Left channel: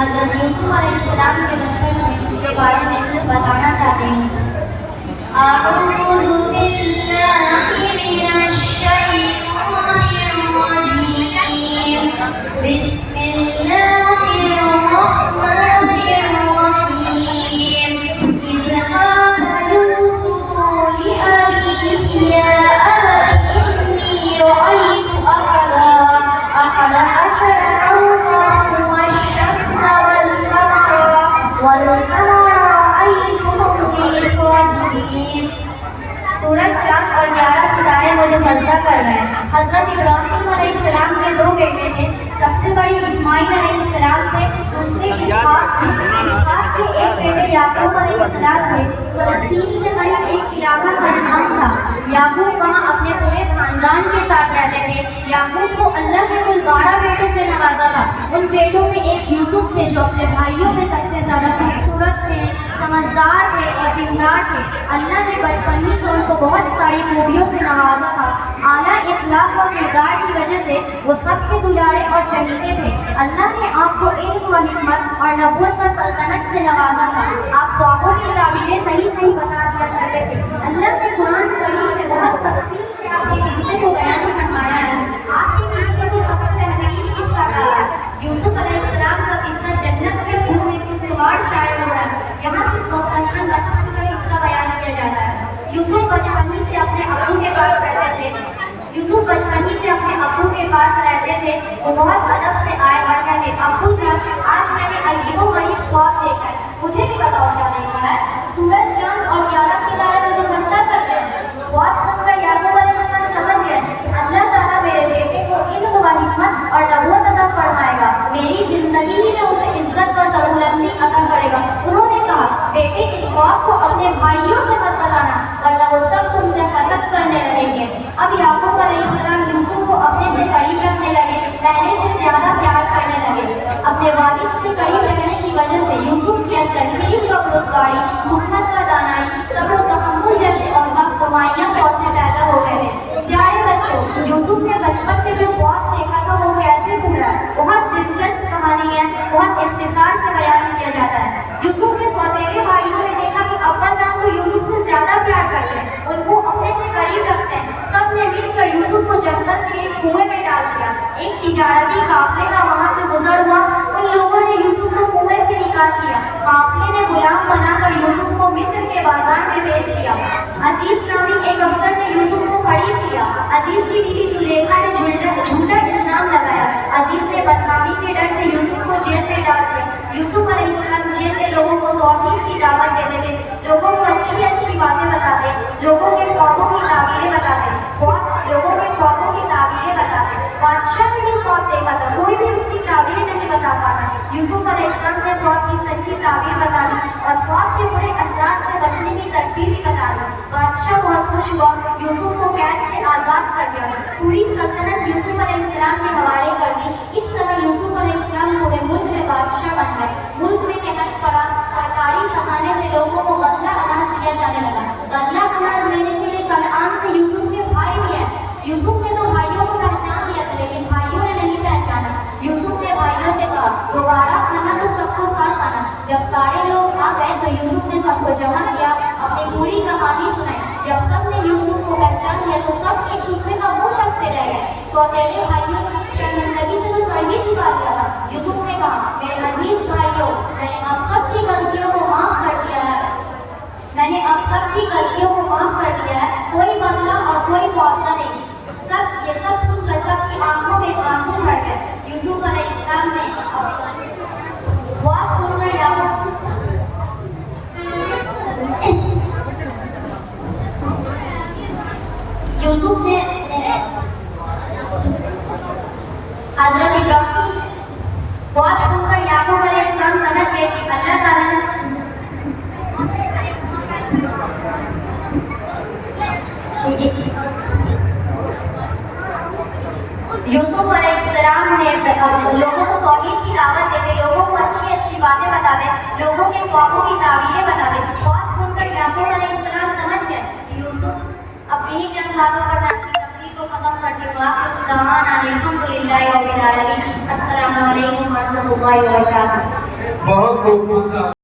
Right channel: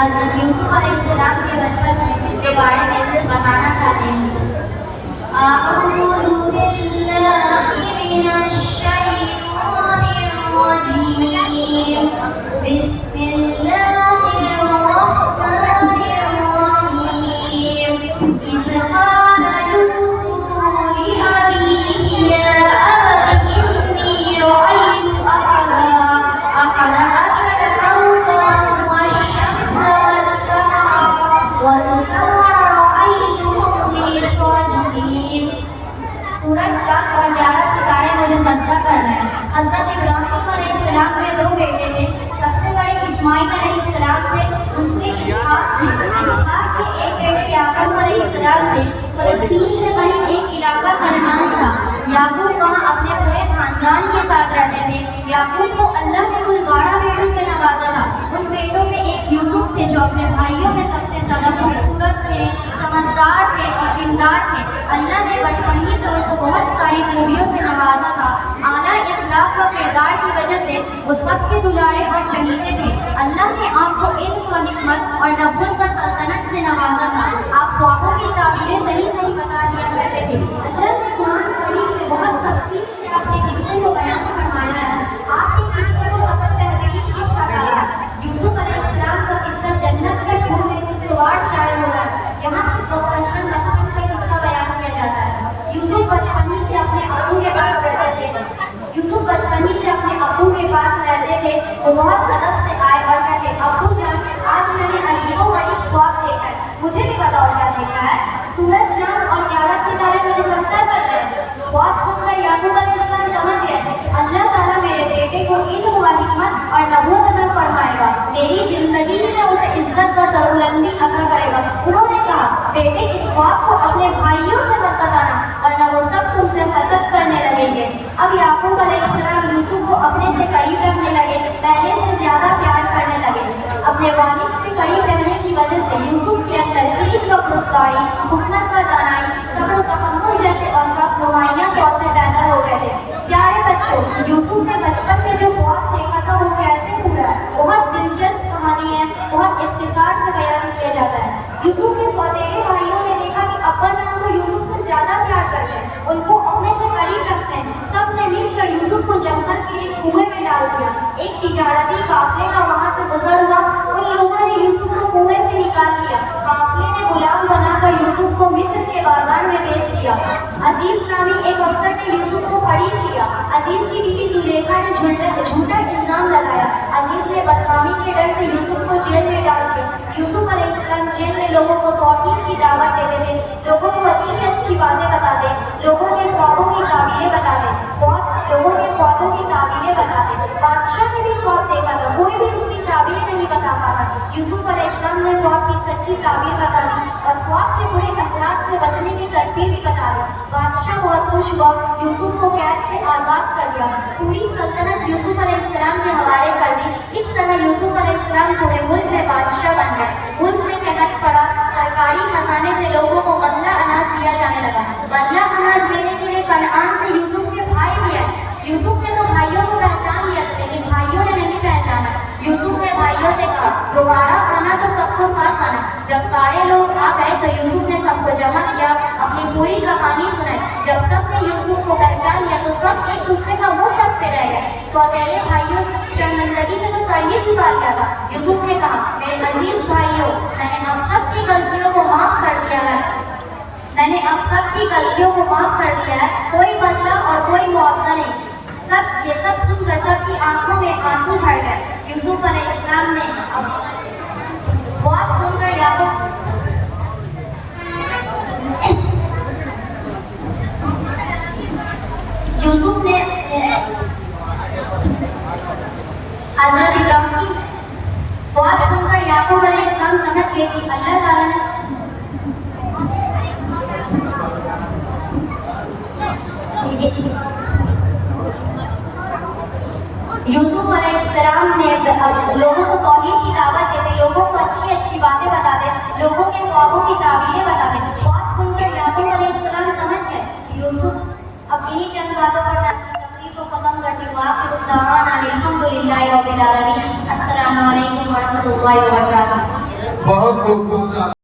حضرت یوسف علیہ السلام کے بچپن میں کے بارے میں کچھ بتانا چاہتی ہوں۔ اعوذ باللہ من الشیطان الرجیم، بسم اللہ الرحمن الرحیم۔ اذ قال یوسف لأبیہ یا ابت انی رأیت أحد عشر كوكبا والشمس والقمر رأيتهم لي ساجدين۔ سورج، چاند اور 11 ستارے مجھے سجدہ کر رہے ہیں۔ حضرت ابراہیم علیہ السلام کے 2 بیٹے تھے، سب سے بڑے اسماعیل علیہ السلام تھے، دوسرے اسحاق تھے۔ اسحاق کے ایک بیٹے یعقوب علیہ السلام تھے۔ فلسطین سے قریب ایک علاقہ کنعان تھا۔ یعقوب وہاں اپنے پورے خاندان کے ساتھ رہتے تھے۔ یعقوب کو اللہ نے کل 12 بیٹوں سے نوازا تھا۔ ان بیٹوں میں ایک یوسف تھے جو اپنے بھائیوں میں سب سے زیادہ خوبصورت تھے، سمجھدار تھے اور دیندار تھے۔ اللہ نے بچپن ہی سے ان کو بہت ساری خوبیوں سے نوازا تھا۔ اعلیٰ اخلاق و کردار کی وجہ سے وہ سب کے دلارے اور چہیتے تھے۔ اللہ نے آپ کو علم و حکمت اور نبوت و سلطنت سے نوازا تھا۔ آپ خوابوں کی تعبیریں صحیح صحیح بتا دیا کرتے تھے۔ اللہ نے قرآن کریم میں بہت تفصیل سے آپ کے قصے کو بیان فرمایا ہے۔ آپ کے قصے کو سب سے بہترین قصہ کہا ہے۔ یوسف علیہ السلام کا قصہ جنت کے پھول میں خوشگوار شائع ہو رہا ہے۔ یہاں سے بچپن کا قصہ بیان کیا جاتا ہے۔ یوسف بچپنی سے اپنے ابو کے پاس رہتے تھے۔ وہ بہت ادب سے آئے اور کہتے، ابو جان، آج میں نے عجیب و غریب خواب دیکھا ہے، مجھے بھی بتاؤ کیا دیکھا ہے؟ سورج، چاند اور 11 ستارے مجھے سجدہ کر رہے ہیں۔ خواب سن کر یعقوب علیہ السلام سمجھ گئے کہ اللہ تعالیٰ میرے بیٹے کو علم و حکمت اور نبوت عطا فرمائے گا، میری زندگی میں اسے عزت و سربلندی عطا کرے گا۔ انہوں نے کہا، بیٹے اس خواب کو اپنے بھائیوں سے مت بتانا ورنہ وہ سب تم سے حسد کرنے لگیں گے۔ اب یعقوب علیہ السلام یوسف کو اپنے سے قریب رکھنے لگے، پہلے سے زیادہ پیار کرنے لگے۔ اپنے والد سے قریب رہنے کی وجہ سے یوسف کے اندر علم و خودداری، حکمت و دانائی، صبر و تحمل جیسے اوصاف نمایاں طور سے پیدا ہو گئے تھے۔ پیارے بچوں، یوسف نے بچپن میں جو خواب دیکھا تھا وہ کیسے پورا ہے؟ بہت دلچسپ کہانی ہے، بہت اختصار سے بیان کیا جاتا ہے۔ یوسف کے سوتیلے بھائیوں نے دیکھا کہ ابا جان کو یوسف سے زیادہ پیار کرتے ہیں، ان کو اپنے سے قریب رکھتے ہیں۔ سب نے مل کر یوسف کو جنگل کے ایک کنویں میں ڈال دیا۔ ایک تجارتی قافلے کا وہاں سے گزر ہوا، ان لوگوں نے یوسف کو کنویں سے نکال لیا۔ قافلے نے غلام بنا کر یوسف کو مصر کے بازار میں بیچ دیا۔ عزیز نامی ایک افسر نے یوسف کو خرید لیا۔ عزیز کی بیوی زلیخا نے جھوٹا الزام لگایا۔ عزیز نے بدنامی کے ڈر سے یوسف کو جیل میں ڈال دیا۔ یوسف علیہ السلام جیل میں لوگوں کو توحید کی دعوت دیتے تھے، لوگوں کو اچھی اچھی باتیں بتاتے، لوگوں کے خوابوں کی تعبیریں بتاتے، لوگوں کے خوابوں کی تعبیریں بتاتے۔ بادشاہ نے بھی خواب دیکھا تھا، کوئی بھی اس کی تعبیر نہیں بتا پاتا۔ یوسف علیہ السلام نے خواب کی سچی تعبیر بتا دی اور خواب کے برے اثرات سے بچنے کی تدبیر بھی بتا دی۔ بادشاہ بہت خوش ہوا، یوسف کو قید سے آزاد کر دیا، پوری سلطنت یوسف علیہ السلام کے حوالے کر دی۔ اس طرح یوسف علیہ السلام پورے ملک میں بادشاہ بن گئے۔ ملک میں قحط پڑا، سرکاری خزانے سے لوگوں کو غلہ اناج دیا جانے لگا۔ غلہ اناج لینے کے لیے کنعان سے یوسف کے بھائی بھی آئے۔ یوسف نے تو بھائیوں کو پہچان لیا تھا لیکن بھائیوں نے نہیں پہچانا۔ یوسف نے بھائیوں سے کہا، دوبارہ آنا تو سب کو ساتھ آنا۔ جب سارے لوگ آ گئے تو یوسف نے سب کو جمع کیا، اپنی پوری کہانی سنائی۔ جب سب نے یوسف کو پہچان لیا تو سب ایک دوسرے کا منہ تکتے رہ گئے۔ سوتیلے بھائیوں شرمندگی سے تو سر ہی چھپا لیا تھا۔ یوسف نے کہا، میرے عزیز بھائیوں، میں نے آپ سب کی غلطیوں کو معاف کر دیا ہے، کوئی بدلہ اور کوئی معاوضہ نہیں۔ یہ سب سن کر سب کی آنکھوں میں آنسو بھر گئے۔ یوسف علیہ السلام نے خواب سن کر یوسف نے حضرت ابراہیم خواب سن کر یعقوب علیہ السلام سمجھ گئے کہ اللہ تعالیٰ نے یوسف علیہ السلام نے لوگوں کو توحید کی دعوت دیتے، لوگوں کو اچھی اچھی باتیں بتاتے، لوگوں کے خوابوں کی تعبیریں بتاتے۔ خواب سن کر یعقوب علیہ السلام سمجھ گئے کہ یوسف اب انہی چند باتوں پر میں آپ کی تقریر کو ختم کرتی ہوں. آخر الدعوانا الحمدللہ رب العالمین. السلام علیکم ورحمۃ اللہ وبرکاتہ. بہت خوب.